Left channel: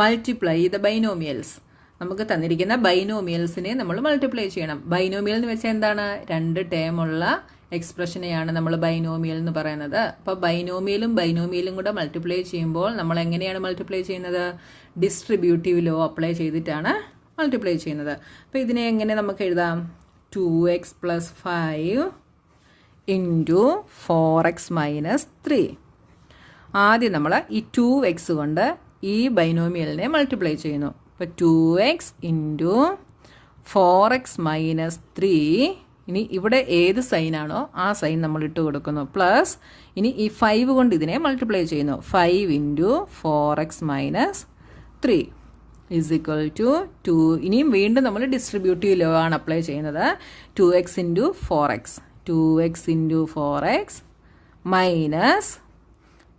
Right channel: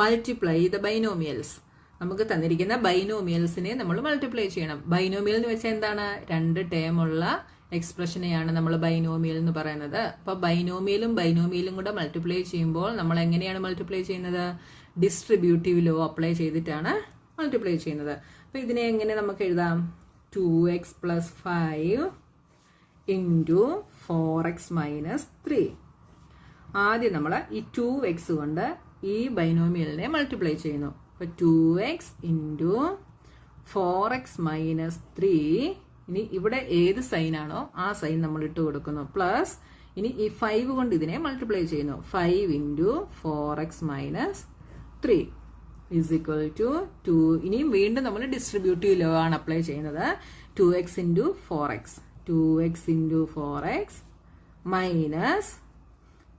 Multiply the ബൈനോമിയൽസ്. നമുക്ക് തന്നിരിക്കുന്ന ബൈനോമിയൽസിനെ നമ്മൾ മൾട്ടിപ്ലൈ ചെയ്യണം. ബൈനോമിയൽ എന്ന് വെച്ചാൽ എന്താണ്? രണ്ട് ടേം ഉള്ള എക്സ്പ്രഷനെയാണ് നമ്മൾ ബൈനോമിയൽ എന്ന് പറയുന്നത്. അപ്പോൾ ബൈനോമിയലും കൂടെ മൾട്ടിപ്ലൈ ചെയ്യുമ്പോൾ നമ്മൾ എങ്ങനെയാണ് മൾട്ടിപ്ലൈ ചെയ്യുന്നത്? ഡിസ്ട്രിബ്യൂട്ടീവ് ലോ അപ്ലൈ ചെയ്തിട്ടാണ് മൾട്ടിപ്ലൈ ചെയ്യുന്നത്. അപ്പോൾ ഇതിനെ എങ്ങനെ നമുക്ക് എഴുതാം? 2x + 5 × 4x - 3. ആദ്യം നമ്മൾ ഈ 2x കൊണ്ട് ഈ ബൈനോമിയലിനെ മൾട്ടിപ്ലൈ ചെയ്യുന്നു. അപ്പോൾ 2x × 4x - 3. ഇനി ഇവിടെ ഏത് സൈനാണോ ആ സൈൻ നമ്മൾ ഇട്ട് കൊടുക്കുന്നു. പ്ലസ് ഇനി ഈ 5 കൊണ്ട് ഇതിനെ മൾട്ടിപ്ലൈ ചെയ്യുന്നു. 5 × 4x - 3 = 2. ഇനിയും വീണ്ടും നമ്മൾ ഡിസ്ട്രിബ്യൂട്ടീവ് ലോ ആണ് അപ്ലൈ ചെയ്യുന്നത്. 2x × 4x 2x × 4x minus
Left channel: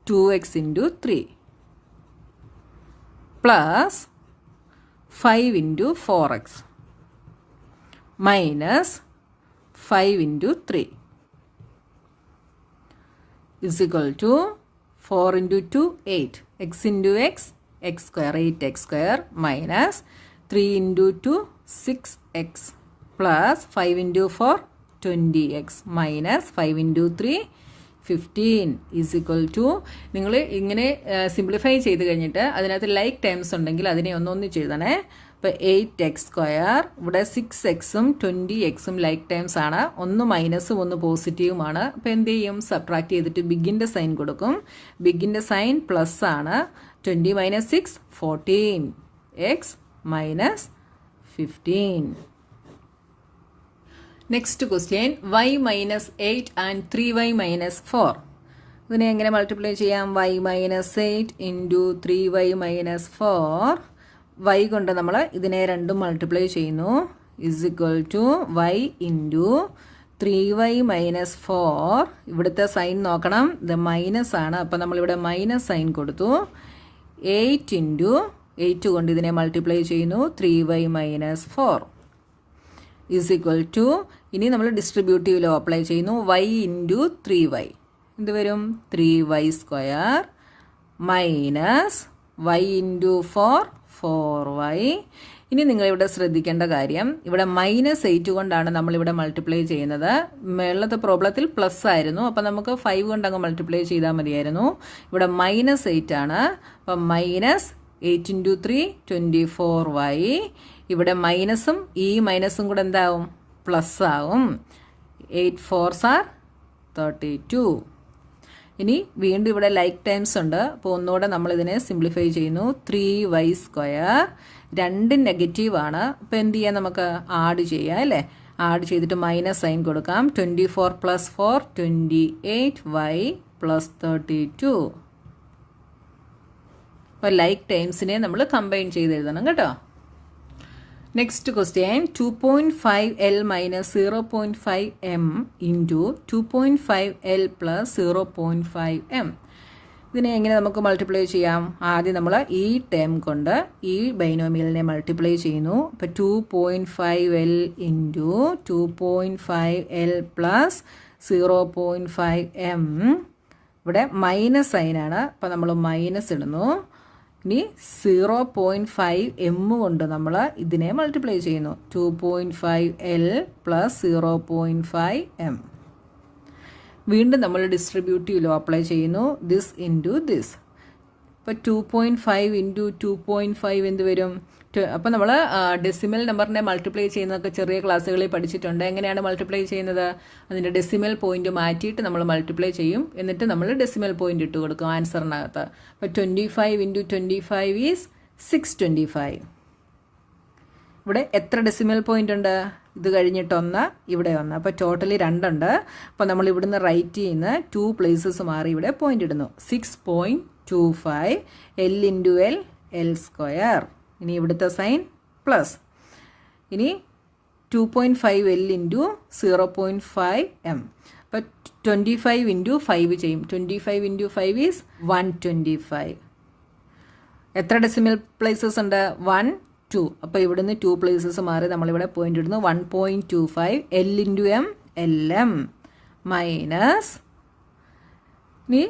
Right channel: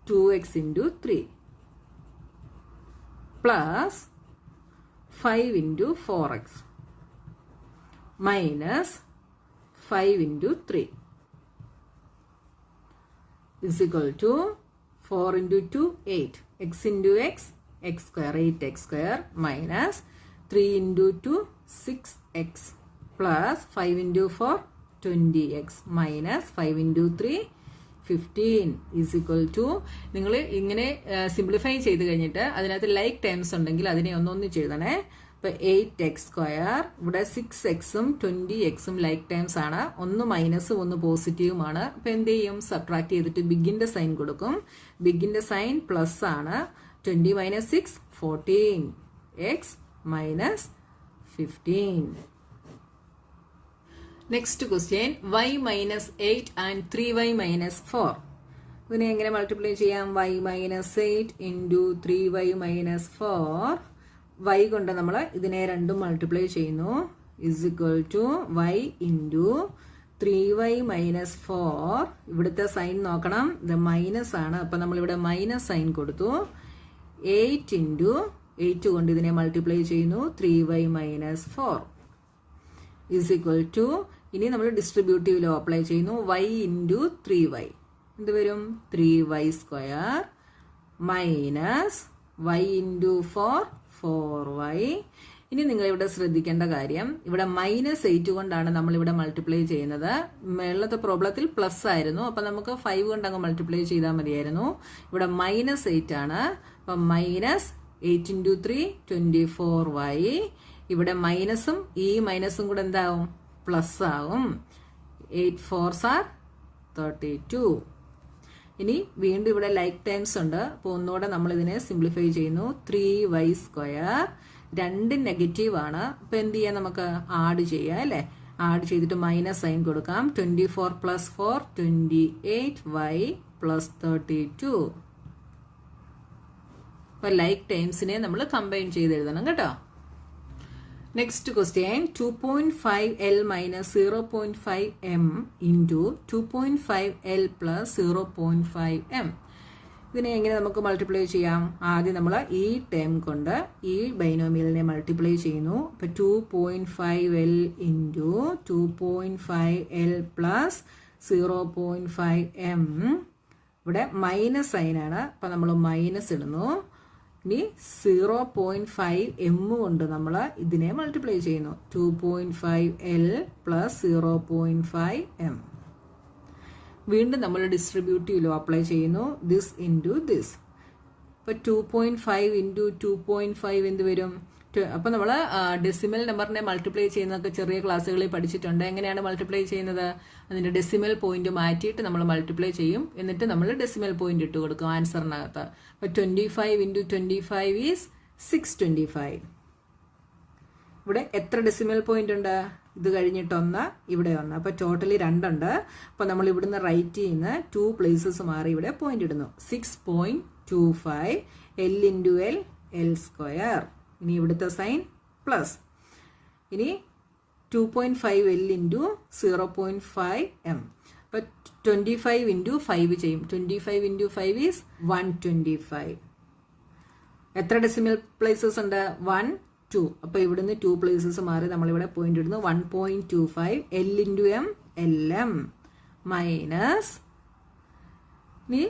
2x × 3 plus 5 × 4x minus 5 × 3 = 4 × 2 8 x × x x² 8x² minus 3 × 2 6x plus 5 × 4 20x minus 5 × 3 15 = നിങ്ങൾ ഇങ്ങനെ സിംപ്ലിഫൈ ചെയ്ത് കഴിഞ്ഞിട്ട് അതിനകത്ത് ലൈക്ക് ടേംസ് ഉണ്ടെങ്കിൽ അതിനെ ഒന്നൊന്നിച്ച് എഴുതണേ. അപ്പോൾ 8x², ഇവിടെ 6xഉം 20xഉം ലൈക്ക് ടേംസ് ആണ്. ഒന്ന് മൈനസും ഒന്ന് പോസിറ്റീവുമാണ്. അപ്പോൾ എന്ത് ചെയ്യും? സബ്ട്രാക്ട് ചെയ്തിട്ട് ബിഗിൻ്റെ സൈൻ കൊടുക്കും. ബിഗിൻ്റെ സൈൻ പ്ലസ് ആണ്. 20 - 6 14 x - 15. Next question, y - 8 and 3y - 4. ഇതിനെ എങ്ങനെ മൾട്ടിപ്ലൈ ചെയ്യാം? y - 8 × 3y - 4. y കൊണ്ട് നമ്മൾ ഇതിനെ രണ്ടും മൾട്ടിപ്ലൈ ചെയ്യുന്നു. = y × 3y - 4. ഇവിടുത്തെ സൈൻ നോക്കണം, ഇത് മൈനസ് ആണ്. അപ്പം നമ്മളിവിടെ മൈനസ് സൈൻ കൊടുത്തു. 8 × 8 കൊണ്ട് ഇതിനെ മൾട്ടിപ്ലൈ ചെയ്യുന്നു. 3y - 4 = ഇനി നമ്മൾ ഡിസ്ട്രിബ്യൂട്ടീവ് ലോ അപ്ലൈ ചെയ്യുന്നു. y × 3y എന്ത് വരും? 3y² minus y × 4 4y. ഇനി നിങ്ങൾ ഇവിടെ ശ്രദ്ധിക്കേണ്ട കാര്യം, ഇവിടെ -8 കൊണ്ടാണ് നമ്മളിവിടെ മൾട്ടിപ്ലൈ ചെയ്യുന്നത്. മേളത്തെ പ്രോബ്ലത്തിൽ പ്ലസ് ആയിരുന്നു. അപ്പം നമുക്ക് 5 കൊണ്ട് അങ്ങ് മൾട്ടിപ്ലൈ ചെയ്താൽ മതിയായിരുന്നു. ഇവിടെ -8 ആണ്. അപ്പം -8 × 3 24y. ഇവിടെ മൈനസും ഈ മൈനസും കൂടെ എന്താവും? പ്ലസ് ആവും. 8 4s are 32. ഇനി വീണ്ടും ഇവിടെ ലൈക്ക് ടൈംസ് ഉണ്ട്. അപ്പോൾ ഒന്നുകൂടെ നമ്മൾ ഇതിനെ സിംപ്ലിഫൈ ചെയ്യുന്നു. 3y², 2 നെഗറ്റീവ് ആണ്. അപ്പോൾ എന്ത് ചെയ്യാം? നമുക്ക് ആഡ് ചെയ്യാം അല്ലേ? ആഡ് ചെയ്തിട്ട് മൈനസ് സൈൻ കൊടുക്കാം. 24 + 4 28y + 32. അപ്പോൾ ലൈക്ക് ടൈംസിനെ നമ്മൾ കമ്പൈൻ ചെയ്ത് എഴുതണം കേട്ടോ. Next question, 2.5l - 0.5m × 2.5l + 0.5m. ഇതിനെ എങ്ങനെ നമുക്ക് മൾട്ടിപ്ലൈ ചെയ്യാം? ആദ്യം നമ്മൾ ഈ ടേം കൊണ്ട് ഈ ബൈനോമിയലിനെ മൾട്ടിപ്ലൈ ചെയ്യുന്നു. അപ്പോൾ 2.5l × 2.5l + 0.5m. ഇവിടെ മൈനസ് സൈനാണ്. അപ്പോൾ നമ്മൾ മൈനസ് ഇടുന്നു. ഇനി 0.5m കൊണ്ട് നമ്മൾ ഇതിനെ മൾട്ടിപ്ലൈ ചെയ്യുന്നു. 2.5l + 0.5m. വീണ്ടും നമ്മൾ ഡിസ്ട്രിബ്യൂട്ടീവ് ലോ അപ്ലൈ ചെയ്യുന്നു. This × this. ഇപ്പോൾ 2.5 × 2.5 എന്ത് വരും? അപ്പോൾ നമ്മൾ ഡെസിമൽ നമ്പറിനെ മൾട്ടിപ്ലൈ ചെയ്യുന്നതൊക്കെ ചെറിയ ക്ലാസ്സുകളിൽ പഠിച്ചിട്ടുണ്ട്. എങ്ങനെയാണ് മൾട്ടിപ്ലൈ ചെയ്യുന്നത്? അതിൻ്റെ ഡെസിമൽ പോയിന്റ് മാറ്റിയിട്ട് നമ്മൾ മൾട്ടിപ്ലൈ ചെയ്യും. എന്നിട്ട് നമ്മൾ ഡെസിമൽ പോയിന്റ് ഇട്ട് കൊടുക്കും ആൻസറിനകത്ത്. അപ്പോൾ 25 × 25 ഈസ് 625. ഇവിടെ എത്ര ഡെസിമൽ പോയിന്റ് ഉണ്ട്? ഇത് കഴിഞ്ഞിട്ട് 1, ഇവിടെ 1. അപ്പോൾ ടോട്ടലി 2 ഉണ്ട്. അപ്പോൾ നമ്മൾ ഇവിടുന്ന് റൈറ്റ് ചെയ്യുന്ന 2 പ്ലേസസ് മാറി ഇവിടെ പോയിന്റ് ഇടുന്നു. 6.25 l × l l². ഇനി ഇവിടുത്തെ സൈൻ പ്ലസ്. ഇനി 2.5l × 0.5m. അപ്പോൾ 25 × 5 ചെയ്യും. 25 × 5 ഈസ് 125. എത്ര ഡെസിമൽ പ്ലേസസ് ഉണ്ട്? 1 2. അപ്പോൾ ഇവിടുന്ന് 2 പ്ലേസസ് മാറി നമ്മളിവിടെ പോയിന്റ് ഇടുന്നു. 1.25 l × m lm മൈനസ് ഇനി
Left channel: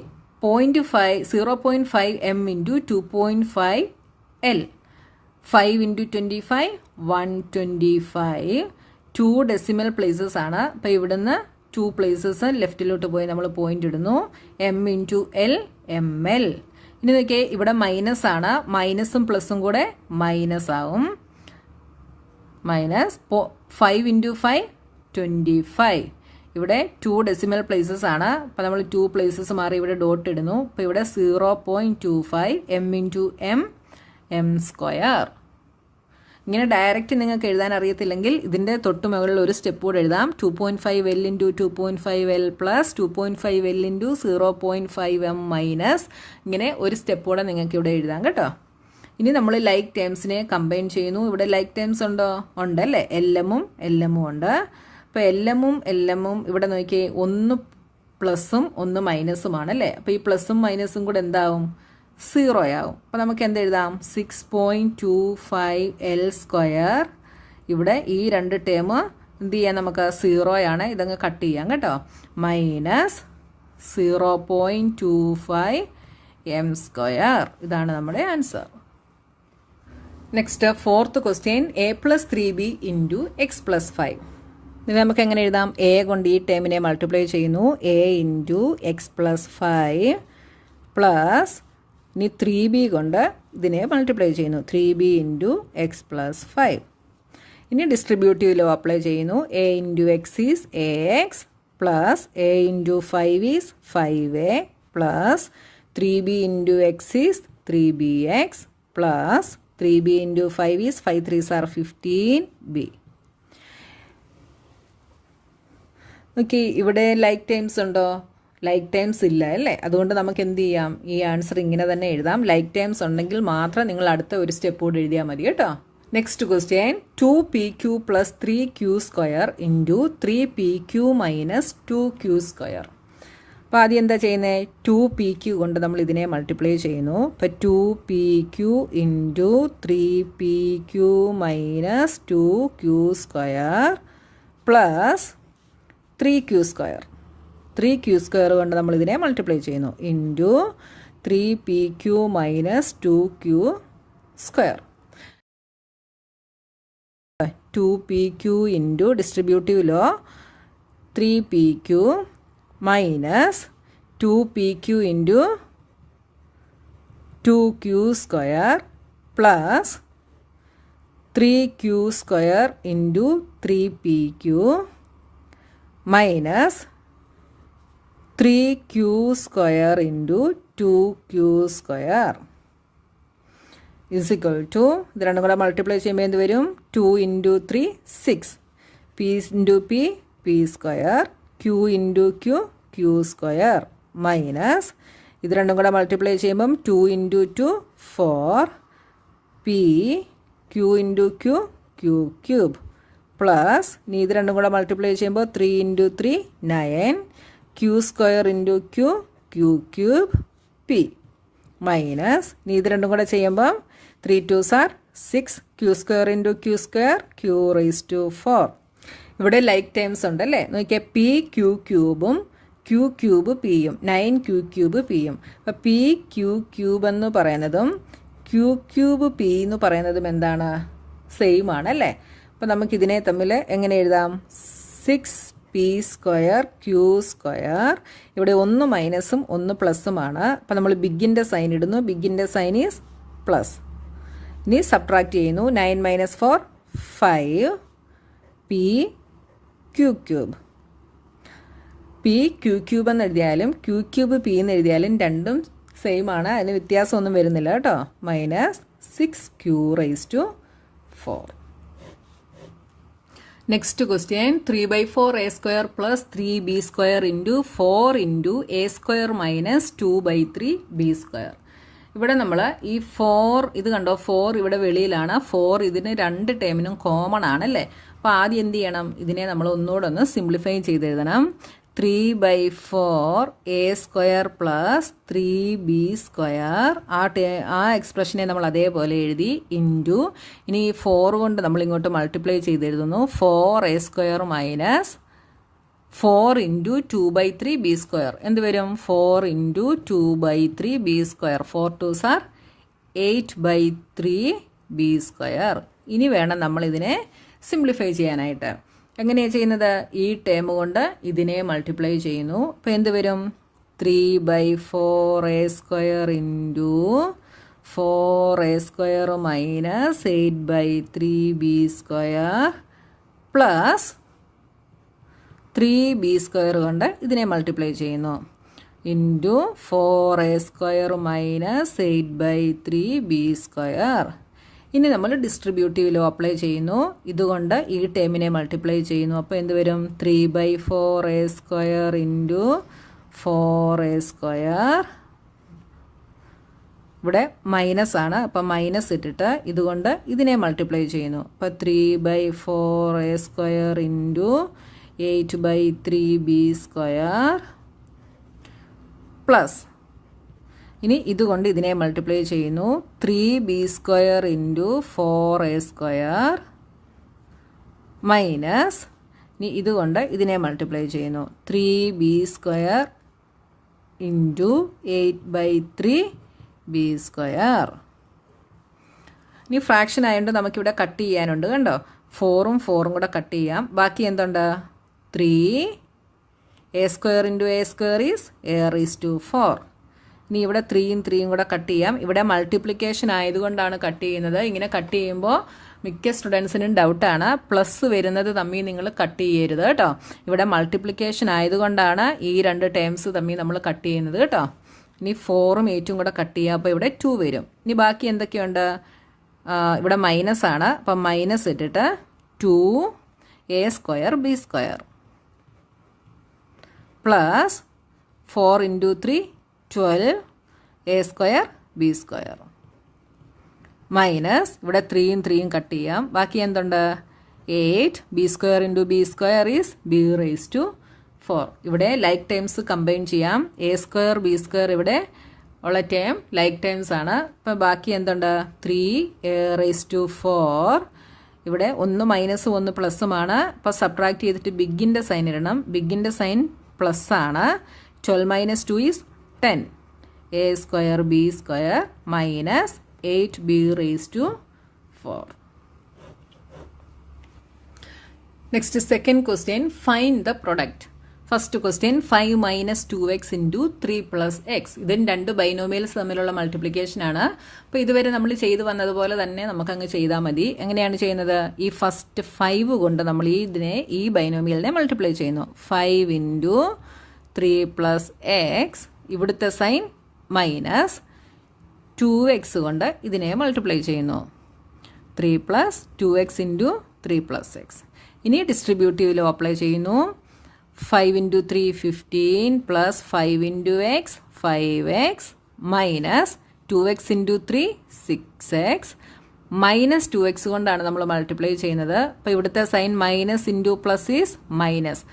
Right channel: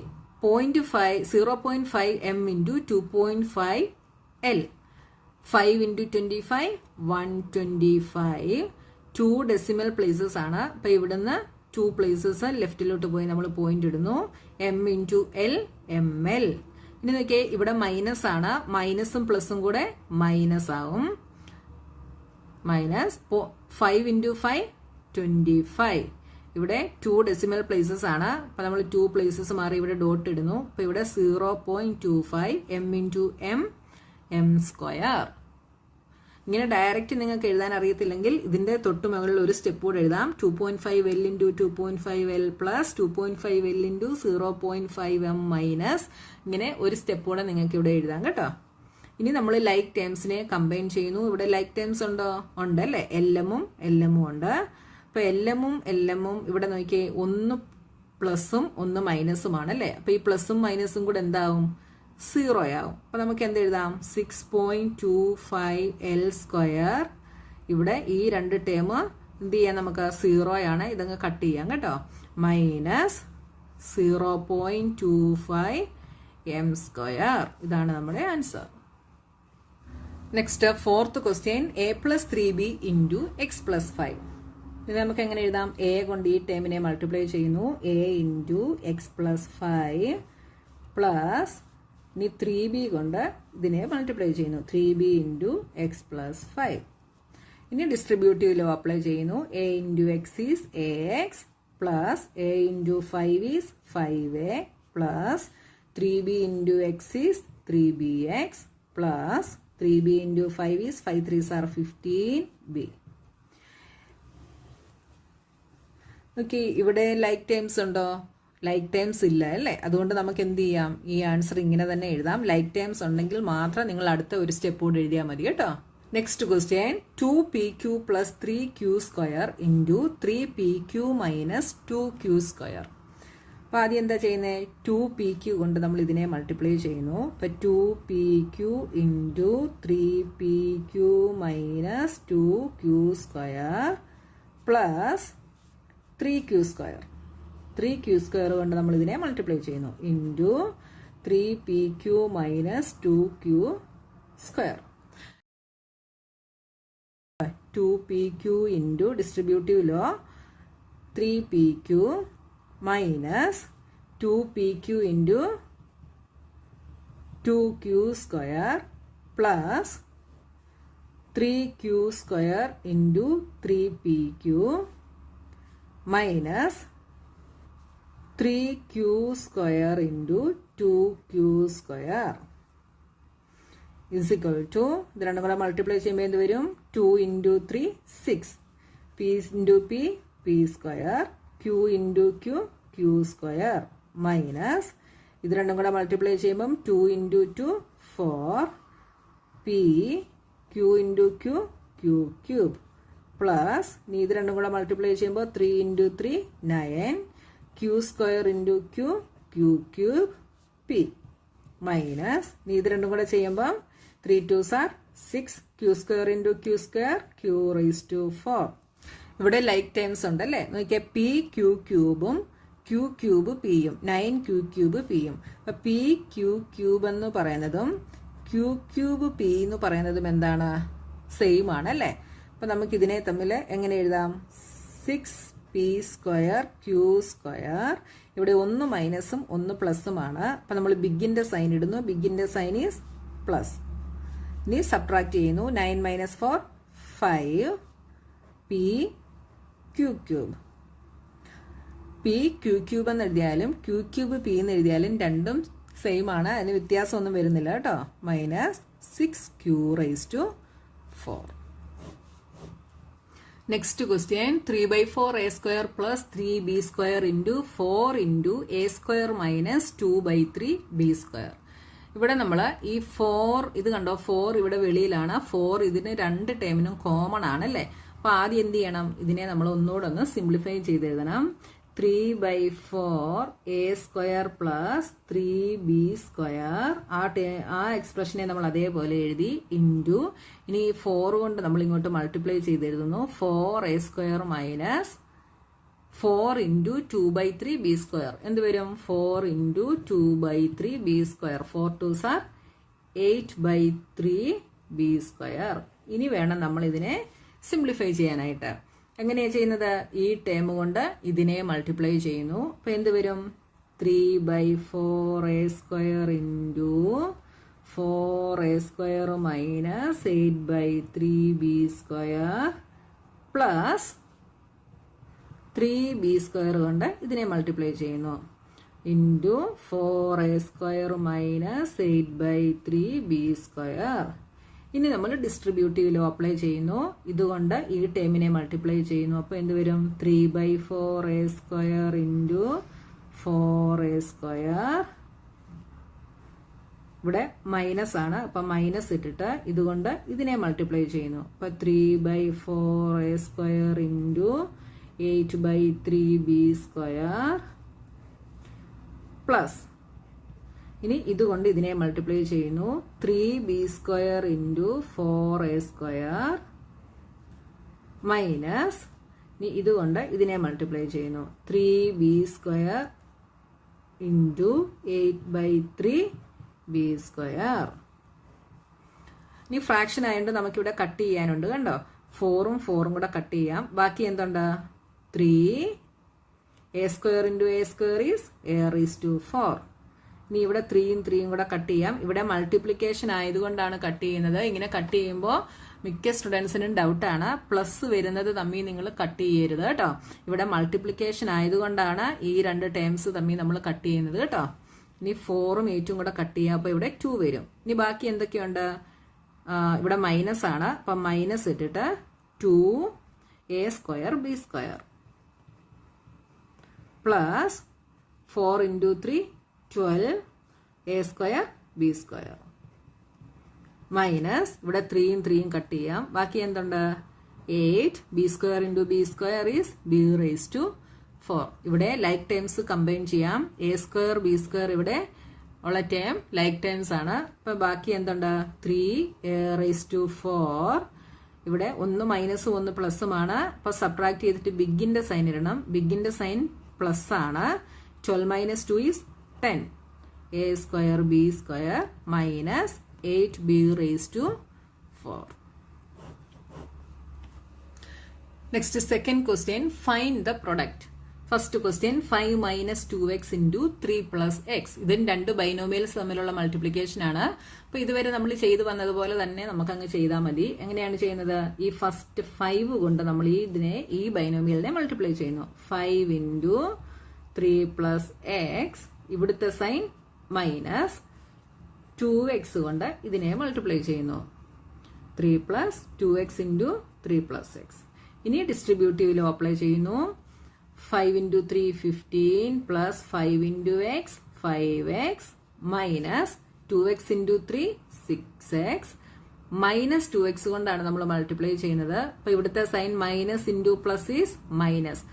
0.5m × 2.5 L. 5 into 25, 125. 2 decimal places ആണ്. അപ്പോൾ ഇവിടുന്ന് 2 places ലെഫ്റ്റിലോട്ട് പോയി നമ്മൾ പോയിന്റ് ഇടുന്നു. M into L, ML. ഇനി നോക്കിയേ, ഇവിടെ മൈനസ് ആണ്. മൈനസും പ്ലസും കൂടെ മൈനസ് ആവും. Minus 5 into 5, 25. ഇവിടെ 2 ഡെസിമൽ പ്ലേസസ് ആണ്. അപ്പോൾ നമ്മൾ 2 പ്ലേസസ് മാറി ഇവിടെ ഡോട്ട് ഇടുന്നു. അപ്പോൾ ഇവിടെ 0.25 M into M, M square. ഇങ്ങനെ ഡയറക്റ്റ് നിങ്ങൾക്ക് എഴുതാൻ അറിയത്തില്ലെങ്കിൽ ഇതിൻ്റെ തൊട്ട് മുകളിൽ ഒരു സ്റ്റെപ്പ് കൂടെ എഴുതാം. 2.5 L into 2.5 L plus 2.5 L into 0.5 M minus. ഇങ്ങനെ ഒരു സ്റ്റെപ്പ് കൂടെ നിങ്ങൾക്ക് ഇവിടെ എഴുതാം കേട്ടോ. ഇനി നമ്മൾ ലൈക്ക് ടേംസിനെ കമ്പൈൻ ചെയ്യുന്നു. ഇവിടെ ലൈക്ക് ടേംസ് ഉണ്ടോ? ഉണ്ടല്ലേ. LMഉം LMഉം ഉണ്ട്. അപ്പോൾ LMഉം ഇവിടെ നോക്കിയേ, ഒന്ന് പ്ലസും ഒന്ന് മൈനസുമാണ് അല്ലേ. അപ്പോൾ ഈ പ്ലസും മൈനസും കൂടെ എന്താവും? 0 ആവും. അപ്പോൾ നമുക്ക് എന്തെഴുതാം? 6.25 L സ്ക്വയർ. ഇവിടെ ഈ രണ്ട് ടേം എന്ത് ചെയ്യാം? നമുക്ക് 0 ആണ്. ഇതങ്ങ് കട്ട് ചെയ്യാം കേട്ടോ. Minus 0.25 M square. ഇതാണ് നമ്മുടെ answer. Next fourth question, A plus 3B into X plus 5. ഇതിന് നമുക്ക് എങ്ങനെ എഴുതാം? എ കൊണ്ട് ഈ ടേമിനെ മൾട്ടിപ്ലൈ ചെയ്യുന്നു. A into X plus 5 plus ഇനി 3B കൊണ്ട് ഇതിനെ മൾട്ടിപ്ലൈ ചെയ്യുന്നു. 3B into X plus 5. ഇനി ഡിസ്ട്രിബ്യൂട്ടീവ് ലോ അപ്ലൈ ചെയ്യുന്നു. A into X is AX plus A into 5 is 5A plus 3B into X is 3BX plus 3B into 5 is 5 3s are 15B. Okay, ഇവിടെ like times ഉണ്ടോ? Like times ഇല്ല അല്ലേ. അതുകൊണ്ട് നമുക്ക് എന്ത് ചെയ്യാം? ഈ ആൻസർ ഇങ്ങനെ തന്നെ എഴുതാം. ലൈക്ക് ടൈംസ് ഉണ്ടെങ്കിൽ മാത്രം നിങ്ങൾ അടുത്ത ഒരു സ്റ്റെപ്പ് കൂടെ എഴുതിയാൽ മതി കേട്ടോ. Next question, 2PQ plus 3Q square into 3PQ minus 2Q square. അപ്പോൾ ആദ്യം എന്താ ചെയ്യുന്നത്? 2PQ കൊണ്ട് നമ്മൾ ഇതിനെ മൾട്ടിപ്ലൈ ചെയ്യുന്നു. അപ്പോൾ 2PQ into 3PQ minus 2Q square plus 3Q square. 3Q square കൊണ്ട് നമ്മൾ ഇതിനെ മൾട്ടിപ്ലൈ ചെയ്യുന്നു. Into 3PQ minus 2Q square. 2PQ into distributive law 3PQ minus 2PQ into 2Q square plus 3Q square into 3PQ minus 3Q square into 2Q square is equal to, ഇത് രണ്ടും കൂടെ multiply ചെയ്യുമ്പോൾ എന്ത് വരും? 2 into 3 6, P into P square, Q into Q square minus ഇത് രണ്ടും കൂടെ multiply ചെയ്യുമ്പം 2 into 2 4, P Q into Q cube plus ഇനി ഇത് രണ്ടും കൂടെ മൾട്ടിപ്ലൈ ചെയ്യുമ്പോൾ 3 into 3 9, Q square into Q cube P minus ഇനി ഇത് രണ്ടും കൂടെ ചെയ്യുമ്പോൾ 3 2s are 6, Q square into Q square Q rise to 4. ഇവിടെ ലൈക്ക് ടൈംസ് ഉണ്ടല്ലേ. നോക്കിയാൽ P Q ക്യൂബും Q ക്യൂബ് Pയും 9Q ക്യൂബ് Pയും. അപ്പോൾ P Q ക്യൂബ് എന്ന് പറയുന്നതും Q ക്യൂബ് P എന്ന് പറയുന്നതും എന്താണ്? സെയിം ആണ് അല്ലേ. അപ്പോൾ നമുക്കിതിനെ തമ്മിൽ എങ്ങനെ എഴുതാം? 6P square Q square. ഇവിടെ ഒന്ന് മൈനസും ഒന്ന് പ്ലസുമാണ്. അപ്പോൾ നമ്മൾ ബിഗിൻ്റെ സൈൻ ഇടുന്നു. ബിഗിൻ്റെ സൈൻ ഈസ് പ്ലസ്. ഇനി സബ്ട്രാക്ട് ചെയ്യുന്നു. 9 minus 4 5 P Q cube. P Q cube എന്ന് എഴുതിയാലും Q ക്യൂബ് P എന്ന് എഴുതിയാലും രണ്ടും സെയിം ആണ്. അതിന് വ്യത്യാസമൊന്നും വരുന്നില്ല കേട്ടോ. Minus 6Q raise to 4. Next question, 3/4 A square plus 3B square into 4 into A square minus 2/3 B square. ഇവിടെ നമ്മൾ ഈ 4 ഇത് കണ്ടോ, 4 ഇവിടെ വെളിയിലാണ്. 4 ഇതിന് രണ്ട് ടേമിനും കോമൺ ആണല്ലേ. അപ്പോൾ ആദ്യം എന്ത് ചെയ്യണം? ഇതിനെ നമ്മൾ ഒന്നുകൂടെ ഒന്ന് സിംപ്ലിഫൈ ചെയ്തെഴുതണം. 3/4 A square plus 3B square. ആ എക്സ്പ്രഷനെ നമ്മൾ അതേപോലെ എഴുതി ഇൻറ്റു ഇനി 4 കൊണ്ട് നമ്മൾ ഇങ്ങോട്ട് മൾട്ടിപ്ലൈ ചെയ്തെഴുതുന്നു. 4A square minus 4 into 2/3 B square എന്ത് വരും? 4 into 2/3 B square. 4 2s are 8/3b². ഇനി വേണം നമ്മൾ ഇതിനെ സിംപ്ലിഫൈ ചെയ്യാനായിട്ട്. എങ്ങനെയാണ് ചെയ്യുന്നത്? ഈ ടേം കൊണ്ട് ഇതിനെ മൾട്ടിപ്ലൈ ചെയ്യുന്നു. അപ്പോൾ എന്ത് വരും? 3/4a² into 4a² minus 8/3b² plus 3b² കൊണ്ട് ഇതിനെ മൾട്ടിപ്ലൈ ചെയ്യുന്നു. Into 4a² minus 8/3b². ഇനി നമ്മൾ ഡിസ്ട്രിബ്യൂട്ടീവ് ലോ അപ്ലൈ ചെയ്യുന്നു. ഇതുകൊണ്ട് ഈ ടേമിനെ മൾട്ടിപ്ലൈ ചെയ്യുന്നു. അപ്പോൾ എന്ത് വരും? 3/4a² into 4a². ഇവിടെ മൈനസ് ആണ്, അപ്പം മൈനസ് ഇട്ടിട്ട് ഇതുകൊണ്ട് ഇതിനെ മൾട്ടിപ്ലൈ ചെയ്യുന്നു. അപ്പം 3/4a² ഇൻറ്റു 8/3b² പ്ലസ് ഇനി ഇതുകൊണ്ട് ഇതിനെ മൾട്ടിപ്ലൈ ചെയ്യുന്നു. 3b² ഇൻറ്റു 4a² മൈനസ് ഇനി ഇതുകൊണ്ട് ഇതിനെ മൾട്ടിപ്ലൈ ചെയ്യുന്നു. 3b² into 8/3b². ഇനി ഫ്രാക്ഷൻ ആയതുകൊണ്ട് നമുക്കിവിടെ കട്ട് ചെയ്യാനുണ്ട്. കണ്ടോ? 4ഉം 4ഉം കൂടെ കട്ട് ചെയ്യാം. ബാക്കി എന്തുണ്ട്? 3a² into a² is a⁴. ഇനി ഇവിടെ 3ഉം 3ഉം കൂടെ കട്ട് ചെയ്യാം. ഇവിടെ മൾട്ടിപ്ലിക്കേഷൻ ആയതുകൊണ്ടാണ് കട്ട് ചെയ്യുന്നത്. ഇങ്ങനെ കട്ട് ചെയ്യുമ്പോൾ മിക്ക സ്റ്റുഡൻസിനും ഡൗട്ടാണ്, പ്ലസ് വരുന്നത് തമ്മിൽ നിങ്ങൾ കട്ട് ചെയ്യരുത് കേട്ടോ. ഇവിടെ മൾട്ടിപ്ലിക്കേഷൻ ആയതുകൊണ്ടാണ് ഈ രണ്ട് ടേംസ് തമ്മിൽ നമ്മൾ കട്ട് ചെയ്യുന്നത് കേട്ടോ. ഇനി 4ഉം 8ഉം കൂടെ കട്ട് ചെയ്യാം. അപ്പോൾ ഇവിടെ 2 വരും. ഇനി ബാക്കി എന്തൊക്കെയുണ്ട്? ഇവിടെ മൈനസ് ആണ്, അപ്പം മൈനസ് ഇട്ടിട്ട് 2a² b² plus 4 into 3 12a² b² minus ഇവിടെ 3ഉം 3ഉം കട്ട് ചെയ്യാം. ബാക്കി എന്തുണ്ട്? 8b² into b² is b⁴. ഇവിടെ ലൈക്ക് ടേംസ് കമ്പൈൻ ചെയ്യാം. a² b² ഇവിടെ ഉള്ള ടേം ലൈക്ക് ടേംസ് ആണ്. അപ്പോൾ ബാക്കി എന്തുണ്ട്? 3a⁴. ഇവിടെ 1 മൈനസും 1 പ്ലസുമാണ്. അപ്പോൾ സബ്ട്രാക്ട് ചെയ്തിട്ട് ബിഗിൻ്റെ സൈൻ ഇടണം. ബിഗിൻ്റെ സൈൻ പ്ലസ് ആണ്. 12 minus 2 is 10. a² b² minus 8b⁴. Next second question, find the product. First question, 5 minus 2x into 3 plus x. ഇതിന് രണ്ട് ബൈനോമിയൽസ് തമ്മിലുള്ള മൾട്ടിപ്ലിക്കേഷൻ ആണ്. അപ്പോൾ ഇതുവരെ നമ്മൾ ചെയ്തു വന്നതുപോലെ തന്നെ നമുക്കങ്ങ് ചെയ്താൽ മതി. എങ്ങനെയാണ് ചെയ്യുന്നത്? ഈ ഫസ്റ്റ് 5 കൊണ്ട് നമ്മൾ ഈ ബൈനോമിയലിനെ മൾട്ടിപ്ലൈ ചെയ്യുന്നു. 5 ഇൻറ്റു 3 പ്ലസ് എക്സ്, ഇവിടുത്തെ സൈൻ മൈനസ് 2x കൊണ്ട് ഇതിനെ മൾട്ടിപ്ലൈ ചെയ്യുന്നു. 3 plus 2x into 3 plus x. ഇനി ഡിസ്ട്രിബ്യൂട്ടീവ് ലോ അപ്ലൈ ചെയ്യുന്നു. 5 into 3 15 plus 5 into x 5x minus 2x into 3 6x minus 2x കൊണ്ടാണ് നമ്മൾ മൾട്ടിപ്ലൈ ചെയ്യുന്നത്. അപ്പോൾ ഇവിടുത്തെ sign minus into plus is minus.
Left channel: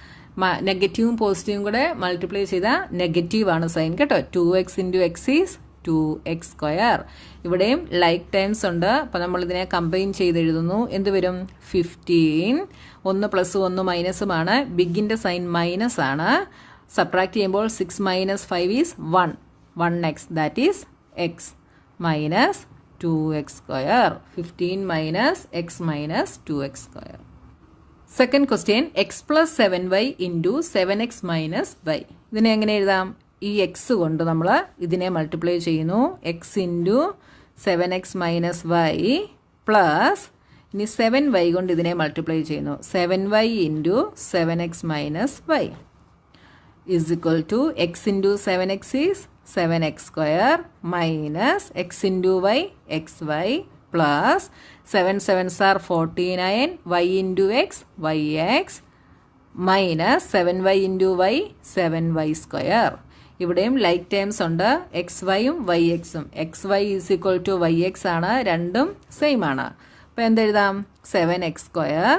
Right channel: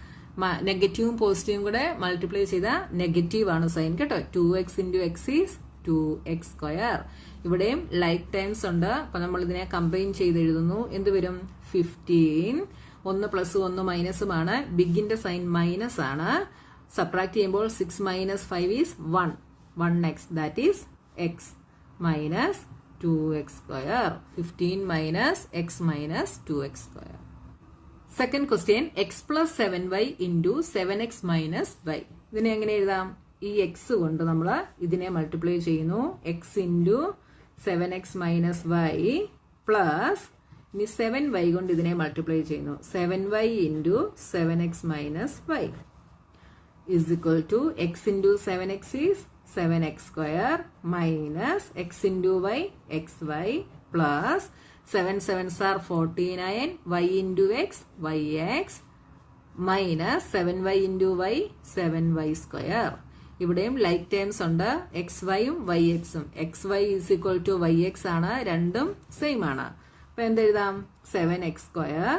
നെഗറ്റീവും പോസിറ്റീവും കൂടെ മൾട്ടിപ്ലൈ ചെയ്താൽ നെഗറ്റീവാണ് സൈൻ കേട്ടോ. 2x into X is 2x². ഇവിടെയും ലൈക്ക് ടേംസ് ഉണ്ട്. അപ്പോൾ നമ്മൾ ഇതിനെ കമ്പൈൻ ചെയ്ത് എഴുതുന്നു. എന്ത് വരും? 15. 1 പ്ലസ് 1 മൈനസുമാണ്. ബിഗിൻ്റെ സൈൻ മൈനസ് ആണ്. സബ്ട്രാക്ട് ചെയ്യുമ്പോൾ 6 minus 5 is 1. 1x that is x minus 2x². 15 minus x minus 2x². Second question, x plus 7y into 7x minus y. ഇതിനെ എങ്ങനെ എഴുതാം? ഈ എക്സ് കൊണ്ട് നമ്മൾ ഇതിനെ മൾട്ടിപ്ലൈ ചെയ്യുന്നു. X into 7x minus y plus ഇനി 7y കൊണ്ട് ഇതിനെ മൾട്ടിപ്ലൈ ചെയ്യുന്നു. 7y into 7x minus y is equal to x into 7x is 7x² minus x into y xy plus 7 7s are 49 y into x yx minus 7y into y 7y². ഇവിടെയും like terms ഉണ്ട്. xyയും yxും. xy is equal to yx ആണ്. രണ്ടും same ആണ്. അപ്പോൾ എന്തെഴുതാം? 7x².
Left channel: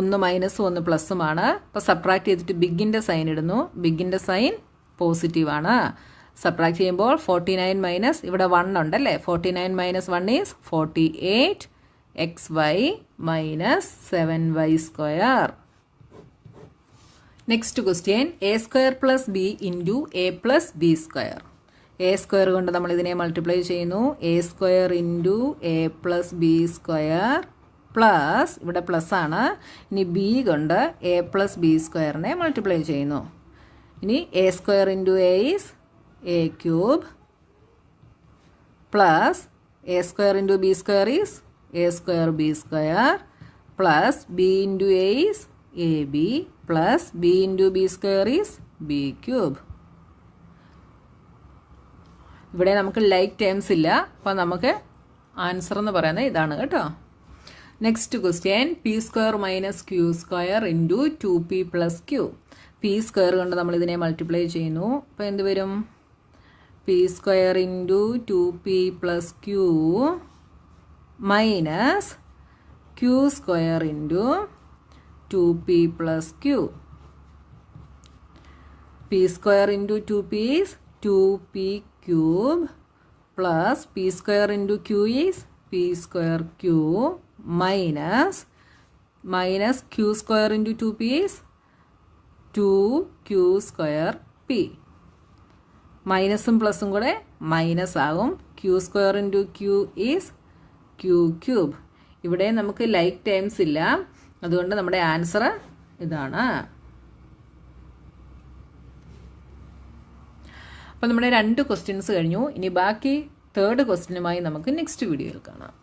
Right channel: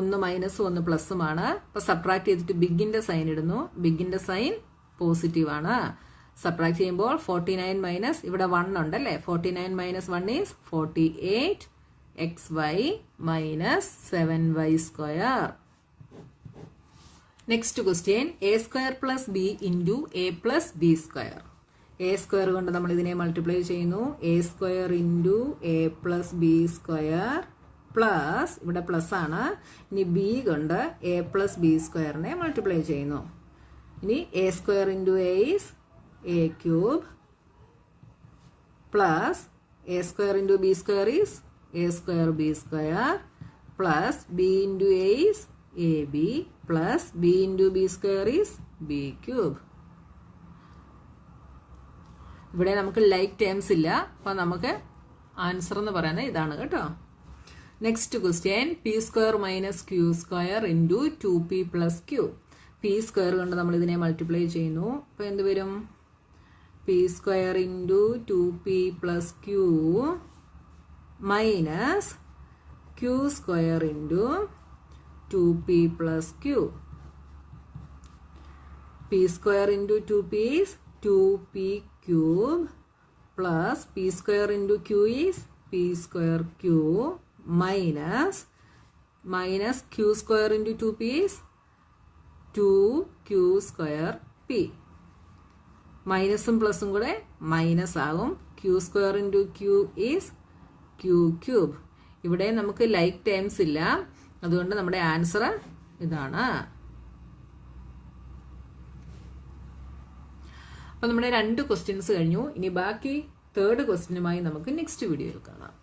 1 മൈനസും 1 പ്ലസുമാണ്. അപ്പോൾ subtract ചെയ്തിട്ട് ബിഗിൻ്റെ സൈൻ ഇടുന്നു. ബിഗിൻ്റെ സൈൻ പോസിറ്റീവ് ആണ്. സബ്ട്രാക്ട് ചെയ്യുമ്പോൾ 49 മൈനസ് ഇവിടെ 1 ഉണ്ടല്ലേ. 49 minus 1 is 48 xy minus 7y². Next question, a² plus B into a plus ബി². എ സ്ക്വയർ കൊണ്ട് നമ്മൾ ഇതിനെ മൾട്ടിപ്ലൈ ചെയ്യുന്നു. A square into A plus B square plus, ഇവിടെ പ്ലസ് ആണ്, ഇനി ബി കൊണ്ട് എ പ്ലസ് ബി സ്ക്വയറിനെ മൾട്ടിപ്ലൈ ചെയ്യുന്നു. ഇനി A square into A is A cube plus A square into B square is A square B square plus B into A is A B plus B into B square is B cube. ഇവിടെ നമുക്ക് like terms ഇല്ല, അപ്പം നമുക്ക് answer എന്ന് പറയുന്നത് ഇതാണ് കേട്ടോ. Next question, p square minus q square into 2p plus q. P square കൊണ്ട് നമ്മൾ ഇതിനെ മൾട്ടിപ്ലൈ ചെയ്യുന്നു. അപ്പോൾ എന്ത് വരും? P square into 2p plus q minus q square into 2p plus q. P square into 2p is 2p cube plus p square into q is p square q minus q square into 2p is 2q square p. മൈനസും പ്ലസും കൂടെ minus ആകും. q square into q is q cube. ഇവിടെ നമുക്ക് like terms ഇല്ല, അതുകൊണ്ട് നമ്മുടെ answer ഇതാണ്. അപ്പോൾ നമ്മുടെ 2 ക്വസ്റ്റ്യൻസ് കഴിഞ്ഞു. ഇനി ബാക്കി 3rd ക്വസ്റ്റ്യനുമായി നമുക്ക് നെക്സ്റ്റ് വീഡിയോയിൽ കാണാം.